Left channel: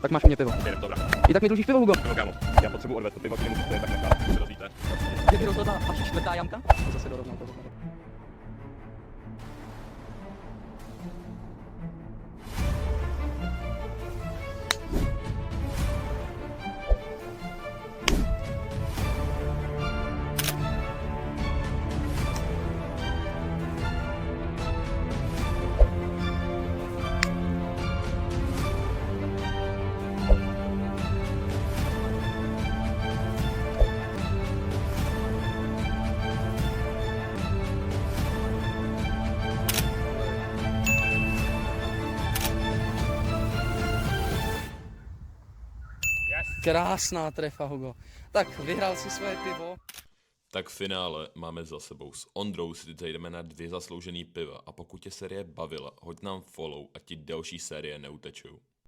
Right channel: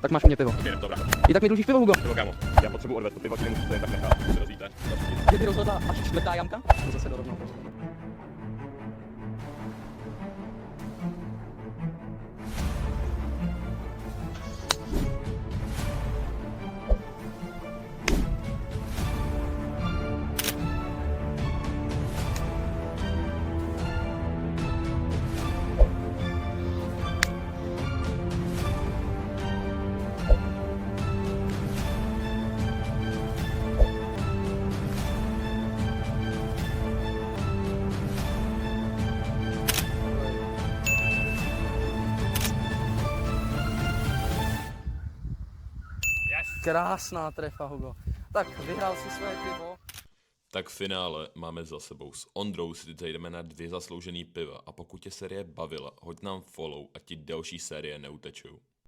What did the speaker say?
Tak máš u mě pivo. Jdem, dobrá. I tak mi dlužíš pivo, Hugo. Pivo, kámo. Já potřebuji odvést to pivo, ti nemůžu to jen tak nechat. Co se rozvíte? Že by rozhodla až čtvrtá jamka? To zase dorovnal toho. Krásná trefa, Hugo. Tak, vyhrál si svoje pivo. Tak v finále máme za sebou. S Ondrou si teď jdeme na 2 zasloužený piva a pokud tě série bavila, hoď nám follow a ti další série neutečou.